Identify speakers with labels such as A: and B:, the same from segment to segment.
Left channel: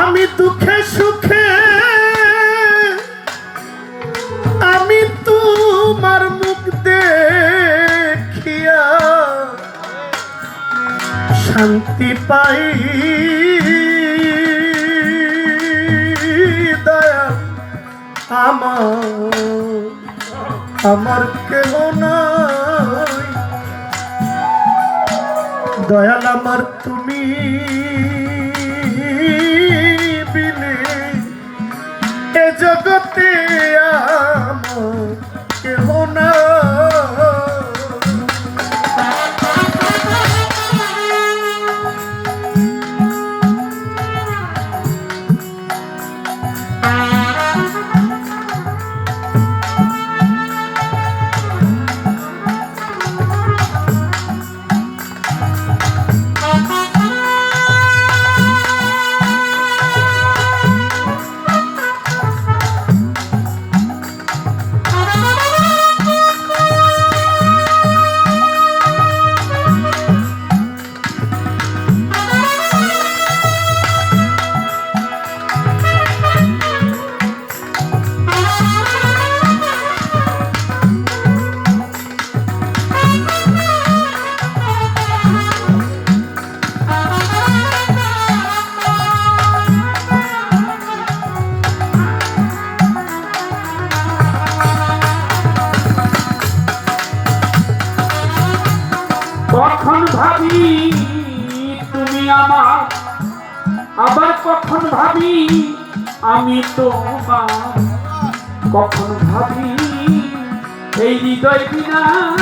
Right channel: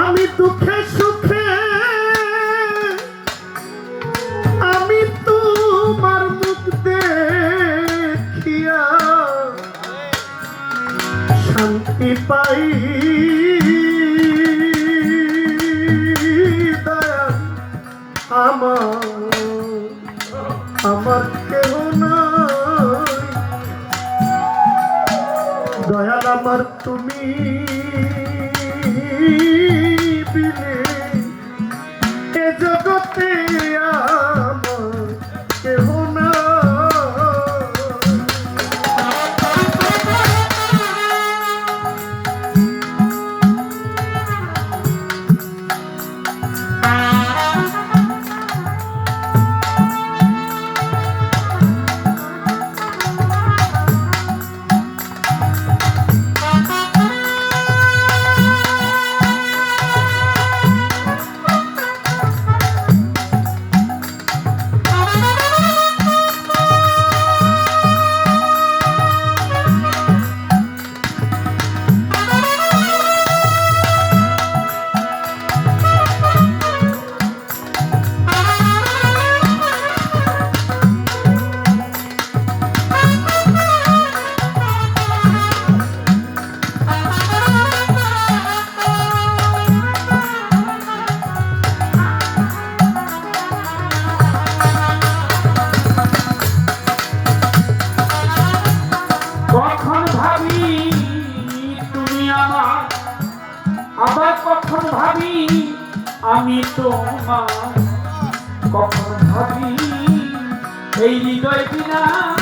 A: আমি দুঃখে সুখে, আমি তোমার মুখ দেখিয়া শান্তি পাই। দয়া, আমার আমার কেহ নাই। দয়াল আমার তুমি। এ
B: ভাবি আমি তোমার কখন ভাবি? এই হৃদয় বিনার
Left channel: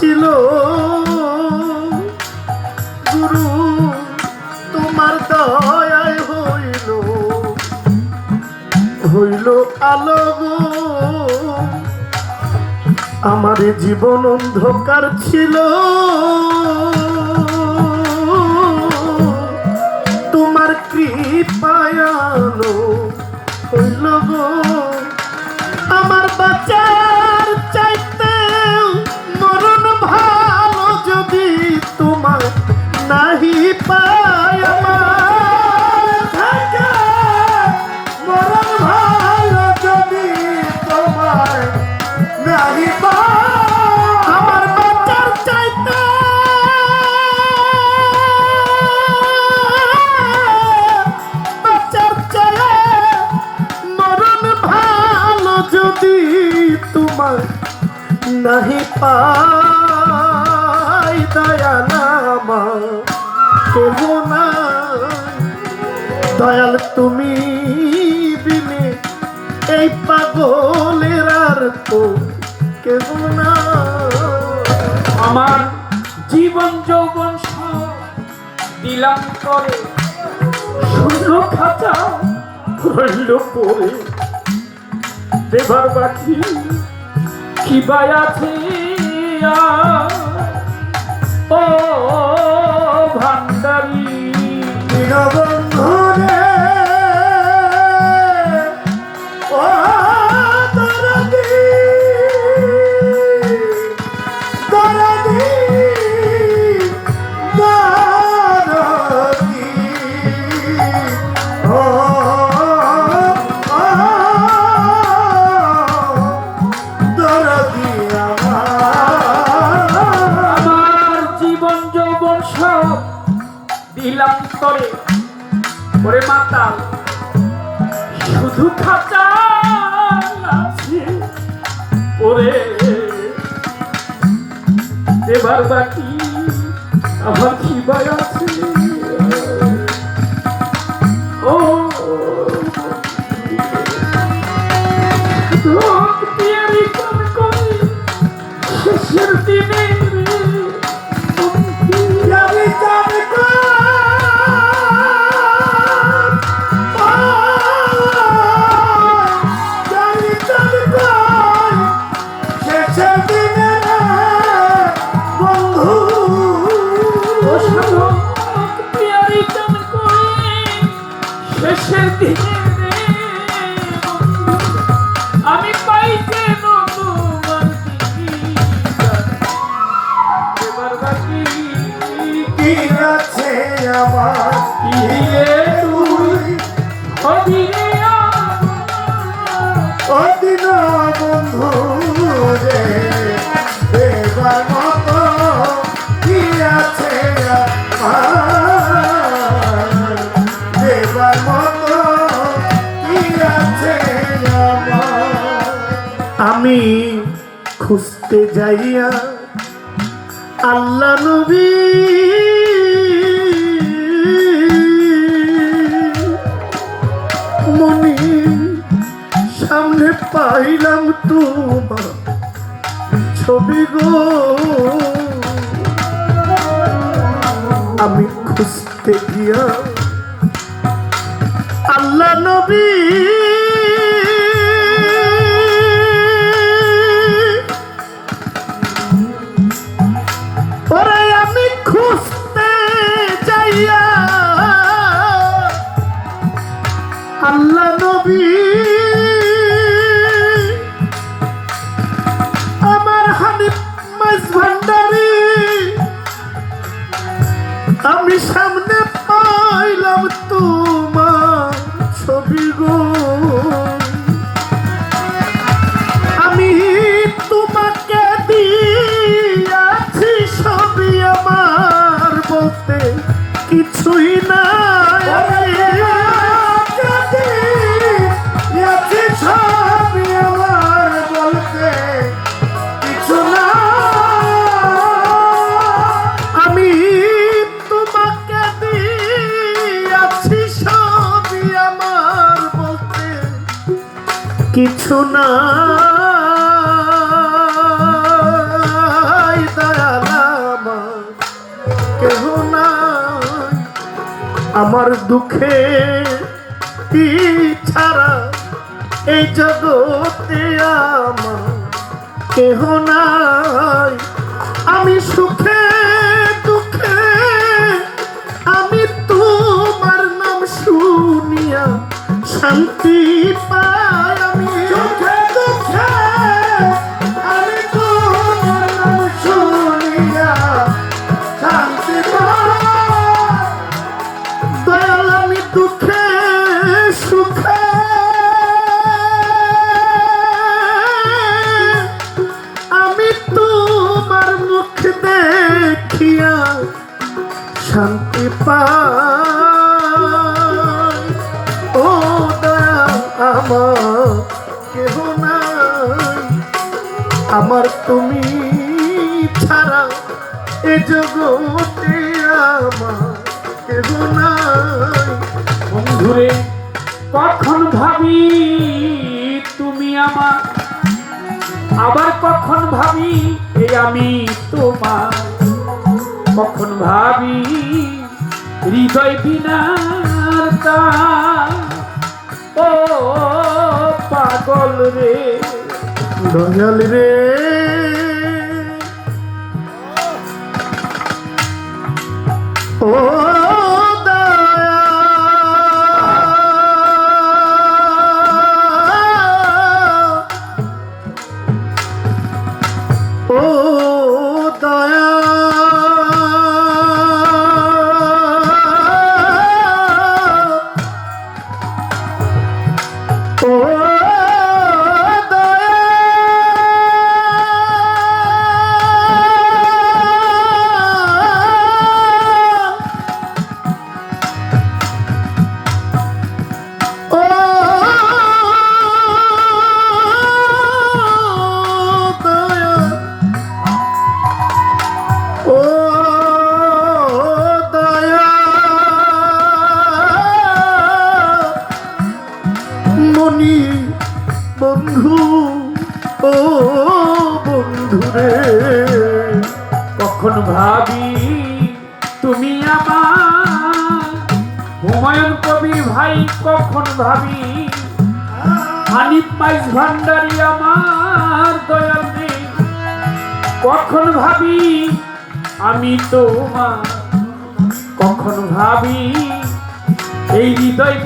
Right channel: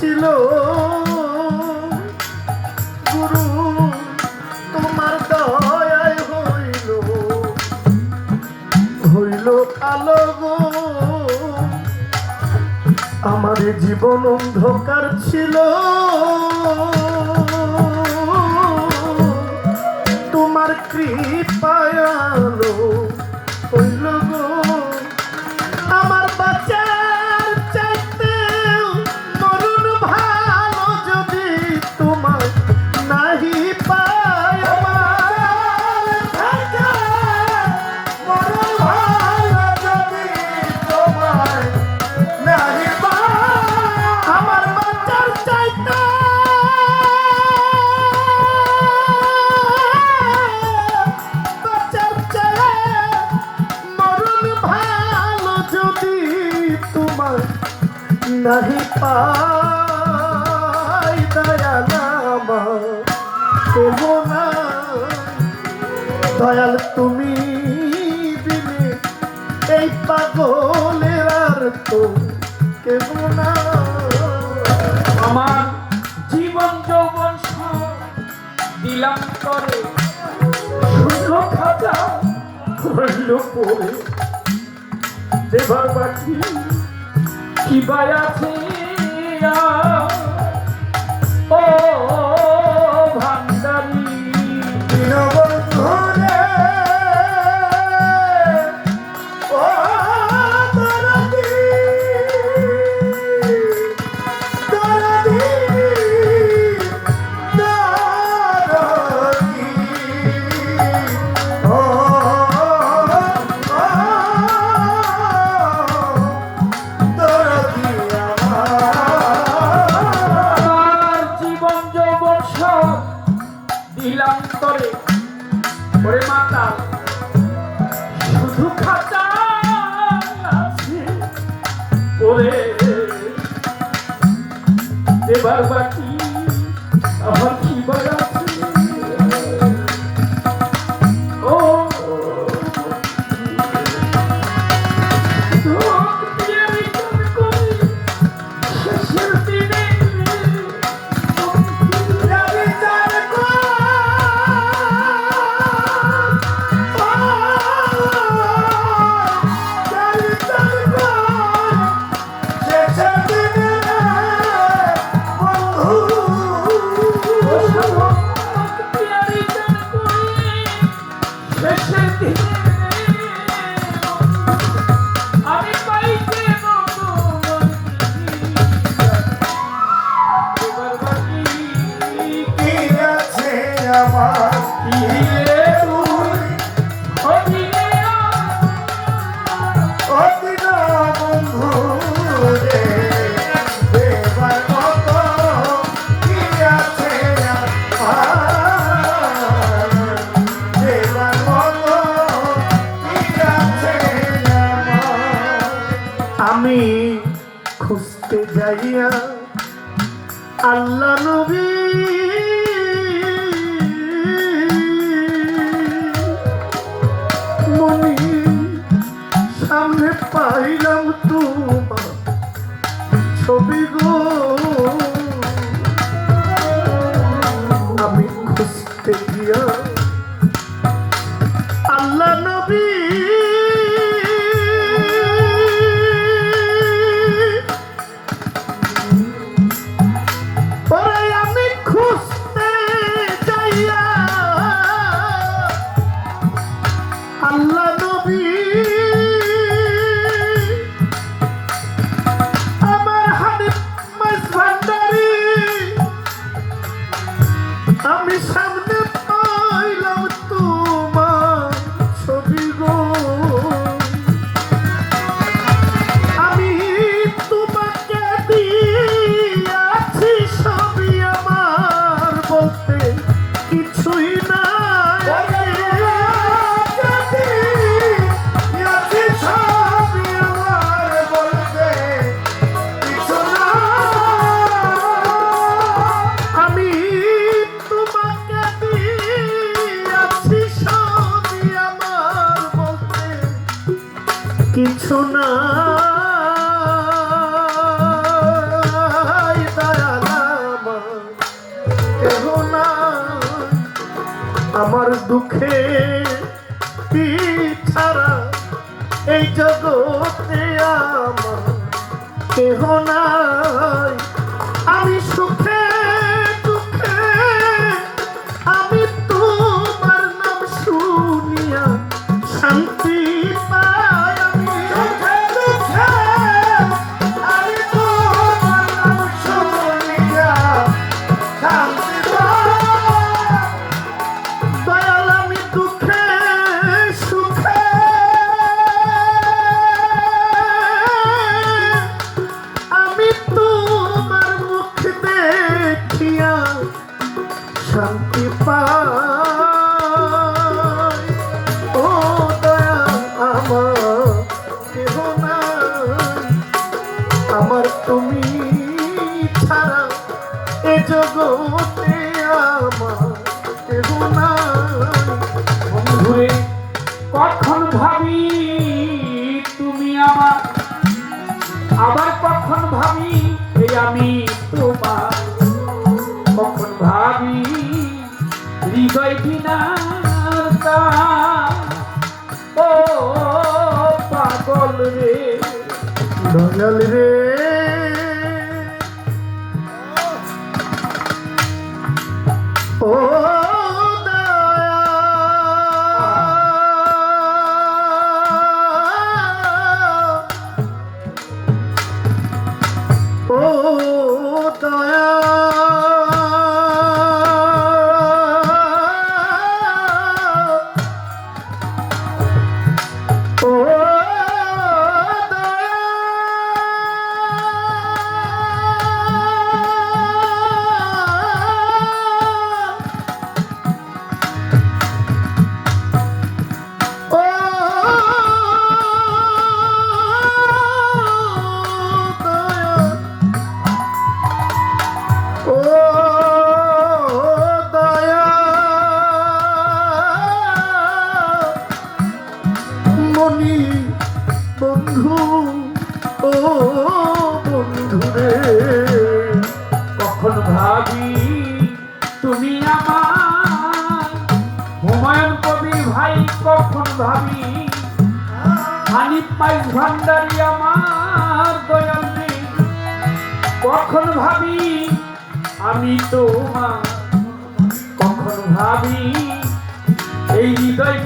A: ছিল। গুরু, তোমার দয়ায় হইল। হইল আলো আমার জীবন অন্ধকার ছিল। তোমার কৃপায়ালো হইল গো। পাই দয়াল কেহ নাই। দয়াল, তুমি এই পাগলের আর তো না
B: আমার জীবন যৌবন দিলাম করে শূন্য খাতা রইল পরে। দেবার বাকি কি আছে? ও ভান্ডারি। শুধু খাঁচা আছে। ওরে এবার বাকি আমার খিবার আছে।
A: খুঁজতে যাইয়া আল্লাহ নবী মনি সামনে পাইলাম তোমার ছবি গো। আমি খুঁজতে গিয়া কিছু না না আমার দুঃখে কি ছাড়া এই জগতে আমার কেহ নাই। আমার তুমি ছাড়া এ জগতে আমার
B: কখন ভাবি তুমি আমার? আবার কখন ভাবি এ আমি তোমার? কখন ভাবি হৃদয় গান। ও পাগল রে।
A: দয়াল রে। ও
B: কখন ভাবি, তুমি আমার হুমায়ুন কবির ভাই কখন ভাবি? হানিফ মাইজ ভান্ডারি আমার দয়াল কখন ভাবি? আমি তোমার কখন ভাবি? এই হৃদয়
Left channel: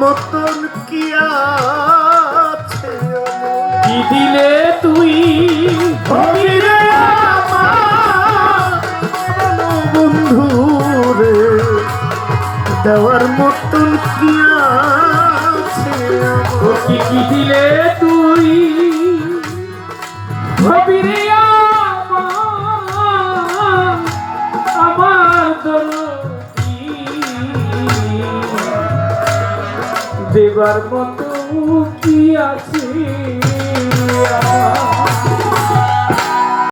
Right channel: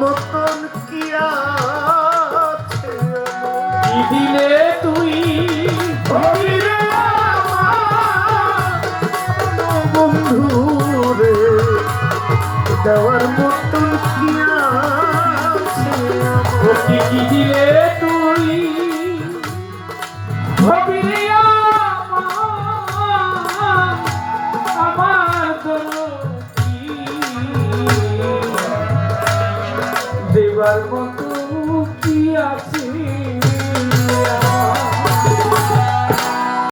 A: মতন কি আছে
B: কি দিলে তুই?
A: বন্ধু রে দেওয়ার মতন